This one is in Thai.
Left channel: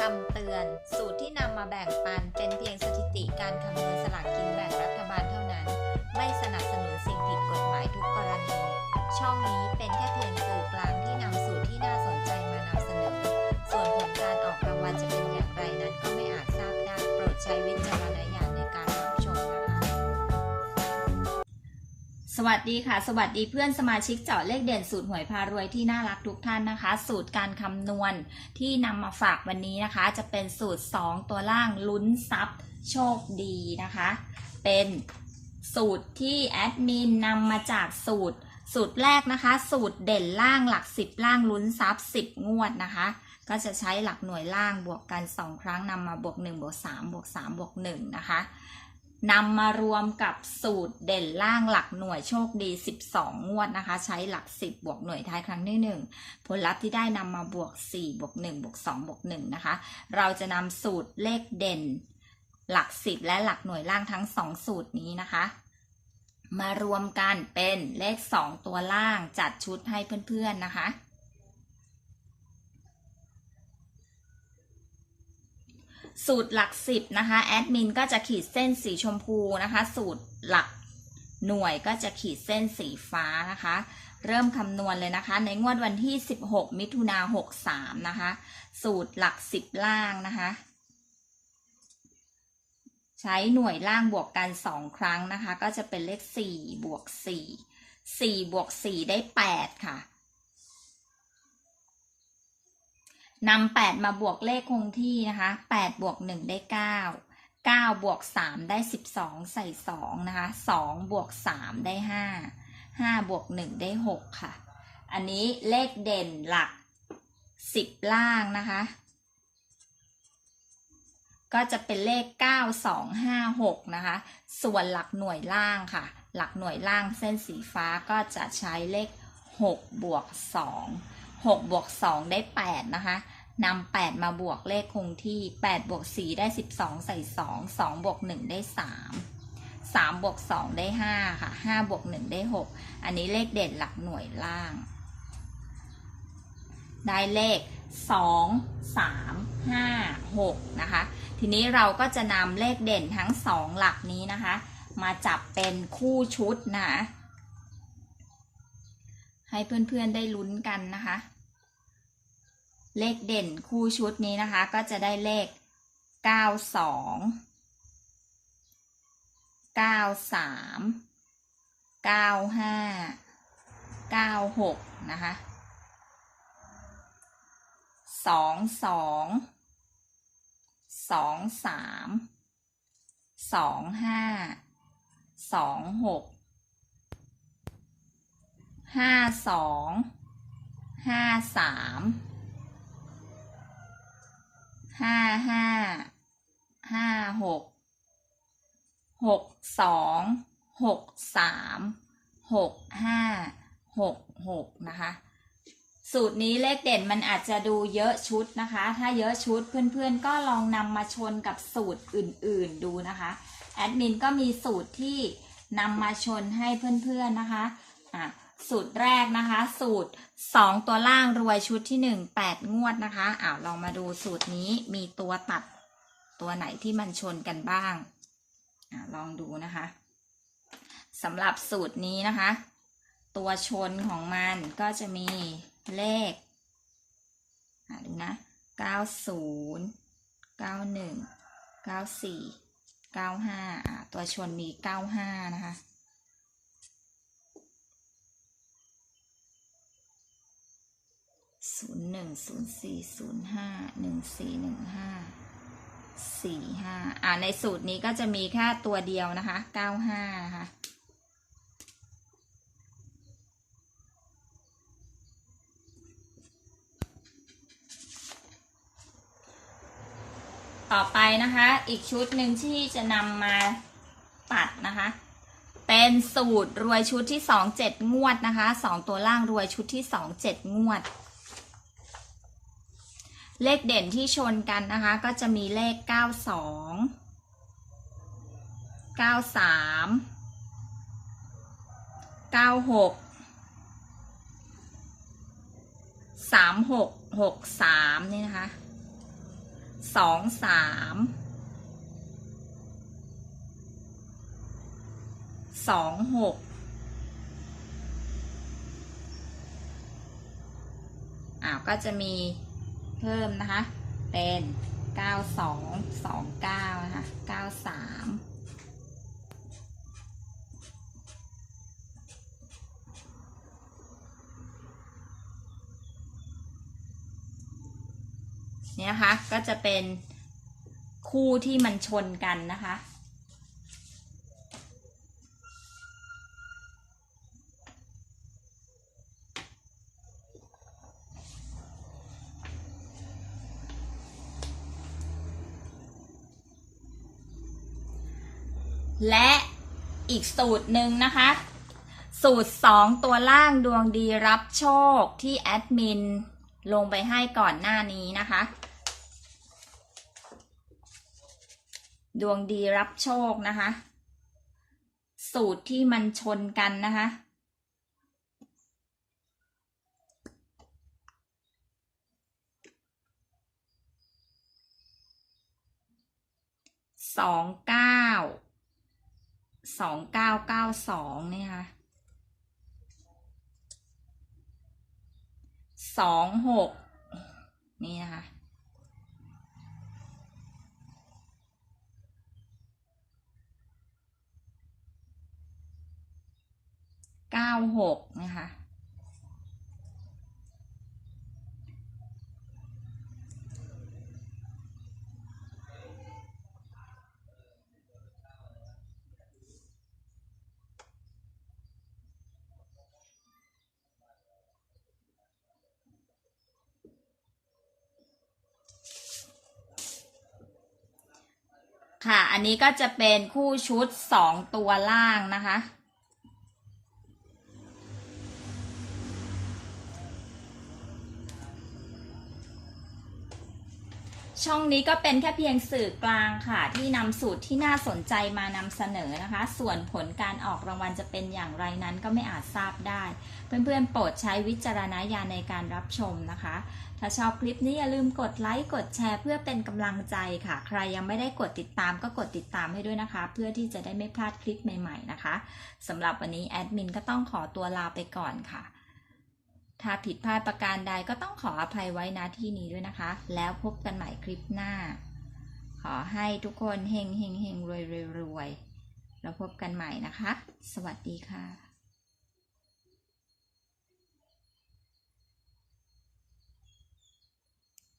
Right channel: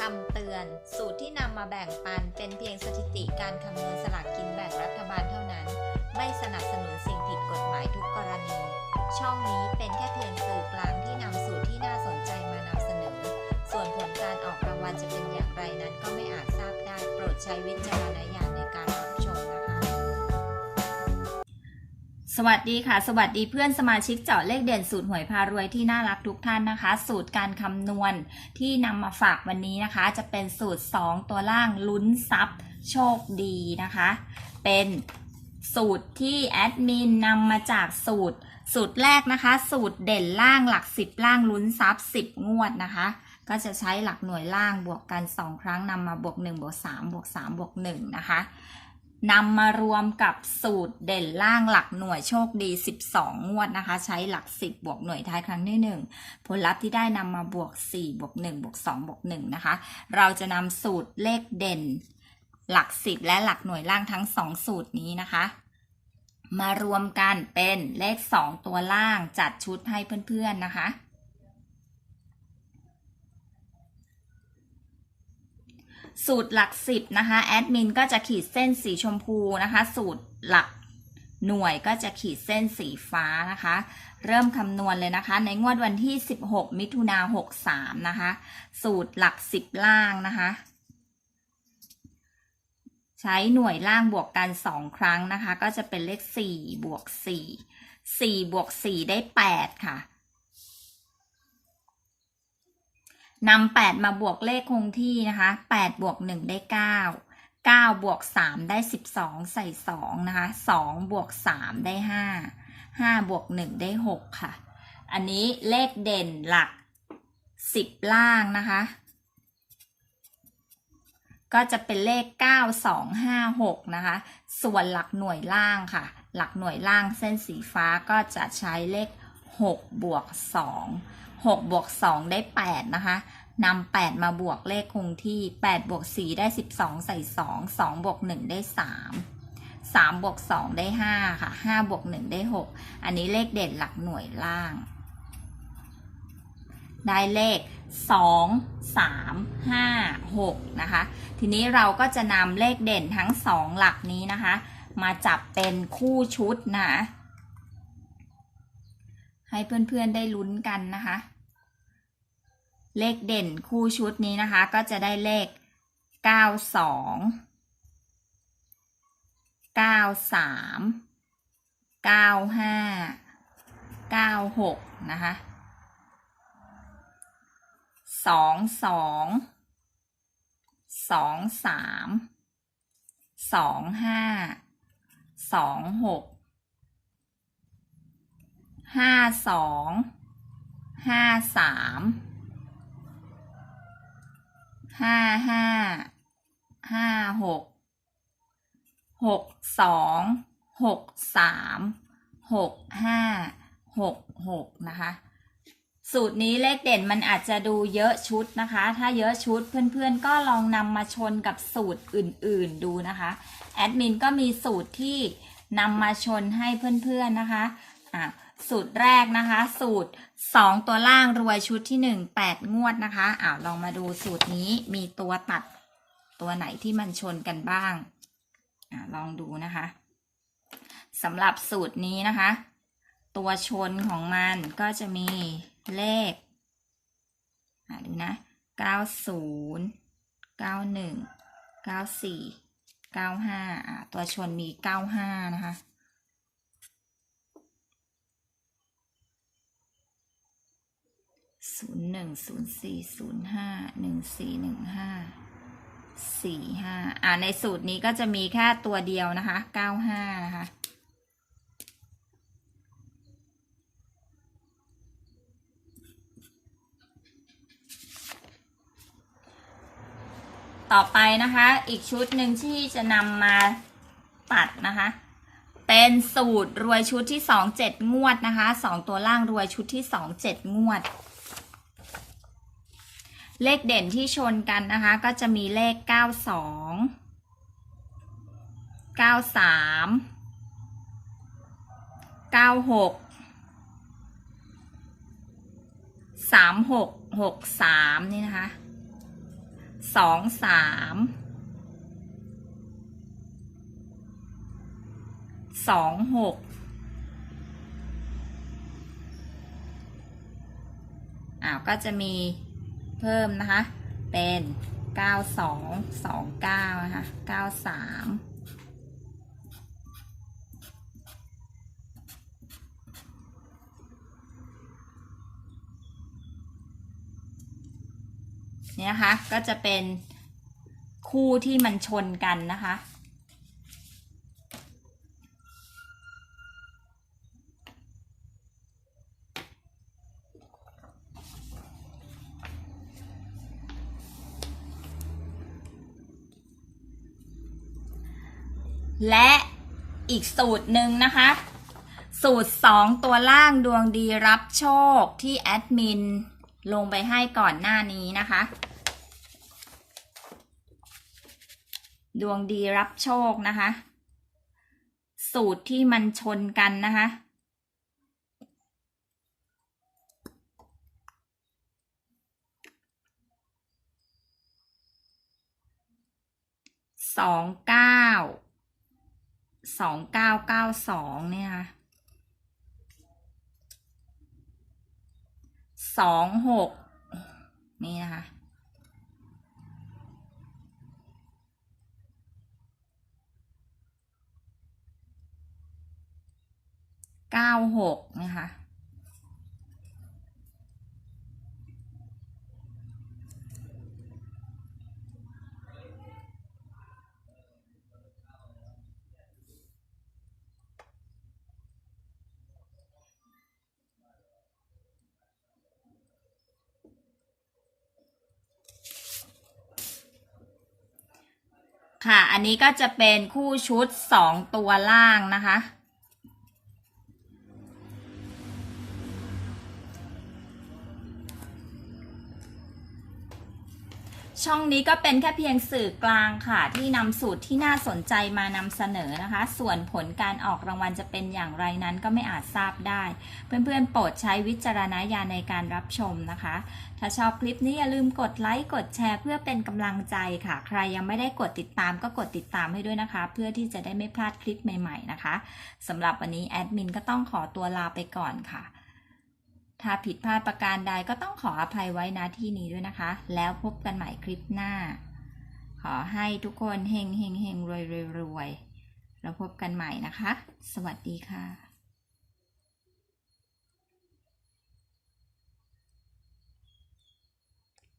คำเตือน สูตรที่นำมาแบ่งปันเป็นเพียงสถิติการคำนวณสลากกินแบ่งรัฐบาลเท่านั้น ไม่สนับสนุนสิ่งผิดกฎหมายทุกกรณี ช่องนี้เป็นแค่เพียงสื่อกลางที่นำสูตรที่น่าสนใจมานำเสนอ ส่วนผลการออกรางวัลจะเป็นอย่างไรนั้นก็ไม่อาจทราบได้ โปรดใช้วิจารณญาณ สวัสดีค่ะ สวัสดีเพื่อนสมาชิกเจาะเลขเด่นสูตรหวยพารวยที่น่ารักทุกท่านนะคะ สูตรการคำนวณที่นำมาฝากวันนี้นะคะ จะเป็นสูตร 2 ตัวล่างลุ้นทรัพย์โชคดีนะคะ เป็นสูตรที่แอดมินนำมาจากสูตร สูตรแรกนะคะ สูตรเด่นล่างหลัก 10 ล่างลุ้นทรัพย์10 งวดนะคะ ก็จะใช้หลักหน่วยล่างบวกกัน 2 ครั้งนำมาบวก 1 บวก 3 บวก 3 บวก 1 นะคะ นำมารวมกับสูตรเด่นล่างหลักหน่วยโชคดี 12 งวดนะคะ ใช้หลัก 10 บวกหน่วยท้ายครั้งที่ 1 ผลลัพธ์ที่ได้นำมาบวก 4 บวก 1 บวก 2 บวก 1 นะคะ เราจะนำสูตรเลขเด่นหลัก 10 และหลักหน่วยล่างทั้ง 2 สูตรนี้นะคะ มารวมกันเป็นเลข 2 ตัวล่างจัดชุดให้เพื่อนๆนะคะ สูตรหลักสิบนะคะแอดมินก็จะขีดเส้นสีชมพูนะคะ สูตรหลักหน่วยก็จะขีดเส้นสีฟ้านะคะ เริ่มคำนวณเลยนะคะ ในงวดวันที่ 16 มิถุนา63 นะคะ สูตรหลักสิบล่างนะคะ ใช้หน่วยล่างบวกกัน 2 ครั้งนะคะ ก็จะเป็นเลข 4 บวก 4 4 บวก 4 ได้ 8 ค่ะ นำ8มาบวกเลขคงที่นะคะ8บวก1ได้9 9บวก3ได้12ใส่2นะคะ2บวก3ได้5 5บวก1ได้6ค่ะ อันนี้เลขเด่นหลัก10ล่างนะคะ ก็จะเป็นเลข9 2 5 6นะคะ ส่วนหลักหน่วยล่างค่ะ หลักหน่วยล่างเส้นสีฟ้าก็จะใช้เลข6บวก2 6บวก2ได้ 8 นะคะนำ8มาบวกเลขคงที่8บวก4ได้ 12 ใส่ 2 2บวก1ได้ 3 3บวก2ได้ 5 ค่ะ 5บวก1ได้ 6 อันนี้เลขเด่นหลักหน่วยล่าง ได้เลข 2 3 5 6 นะคะ ทีนี้เราก็จะนำเลขเด่นทั้ง 2 หลักนี้นะคะ มาจับเป็นคู่ชุดนะ ให้เพื่อนๆได้ลุ้นกันนะคะ เลขเด่นคู่ชุดนี้นะคะ ก็จะได้เลข 92 93 95 96 นะคะ 22 23 25 26 ห้าสองห้าสามห้าห้าห้าหกหกสองหกสามหกห้าหกหกนะคะ สูตรนี้เลขเด่นมันอาจจะดูเยอะชุดนะคะ ถ้าเยอะชุดเพื่อนๆ ก็ลองนำมาชนกับสูตรอื่นๆดูนะคะ แอดมินก็มีสูตรที่นำมาชนให้เพื่อนๆนะคะอะ สูตรแรกนะคะ สูตร 2 ตัวล่างรวยชุดที่ 1 8 งวดนะคะอ้าวลองมาดูสูตรนี้มีตัวตัดตัวไหนที่มันชนกันบ้างอ่าลองดูนะคะสำหรับสูตรนี้นะคะ ตัวชนของมันก็จะมีเลขอ่าดูนะ 90 91 94 95อ่าตัวชนมี 95 นะคะ ศูนย์หนึ่งศูนย์สี่ศูนย์ห้าหนึ่งสี่หนึ่งห้าสี่ห้าอ่าในสูตรนี้ก็จะมีแค่ตัวเดียวนะคะเก้าห้านะคะต่อไปนะคะ อีกชุดหนึ่งที่จะนำมาตัดนะคะ เป็นสูตรรวยชุดที่สองเจ็ดงวดนะคะสองตัวล่างรวยชุดที่สองเจ็ดงวด เลขเด่นที่ชนกันนะคะ ก็จะมีเลข 92 93 96 36 63 นี่นะคะสองสามสองหกอ้าว ก็จะมี เพิ่มนะคะ เป็นเก้าสองสองเก้านะคะเก้าสามเนี่ยนะคะก็จะเป็นคู่ที่มันชนกันนะคะ และอีกสูตรหนึ่งนะคะ สูตร 2 ตัวล่างดวงดีรับโชคที่แอดมินลงไปให้ก่อนหน้านี้นะคะ ดวงดีรับโชคนะคะ สูตรที่มันชนกันนะคะสองเก้า สองเก้าเก้าสองเนี่ยค่ะสองหกนี่นะคะเก้าหกนะคะ ค่ะ อันนี้ก็จะเป็นคู่ชุดสองตัวล่างนะคะ ช่องนี้ก็เป็นแค่เพียงสื่อกลางค่ะ ที่นำสูตรที่น่าสนใจมานำเสนอนะคะ ส่วนผลการออกรางวัลจะเป็นอย่างไรนั้นก็ไม่อาจทราบได้ เพื่อนๆ โปรดใช้วิจารณญาณในการรับชมนะคะ ถ้าชอบคลิปนี้อย่าลืมกดไลค์กดแชร์เพื่อเป็นกำลังใจค่ะ ใครยังไม่ได้กดติดตามก็กดติดตามให้ด้วยนะคะ เพื่อที่จะได้ไม่พลาดคลิปใหม่ ๆ นะคะสำหรับวันนี้แอดมินก็ต้องขอตัวลาไปก่อนค่ะ ถ้าผิดพลาดประการใดก็ต้องขออภัยไว้ณที่นี้ด้วยนะคะ แล้วพบกันใหม่คลิปหน้า ขอให้ทุกคนเฮงเฮงเฮงรวยรวยรวยแล้วพบกันใหม่นะคะ สวัสดีค่ะ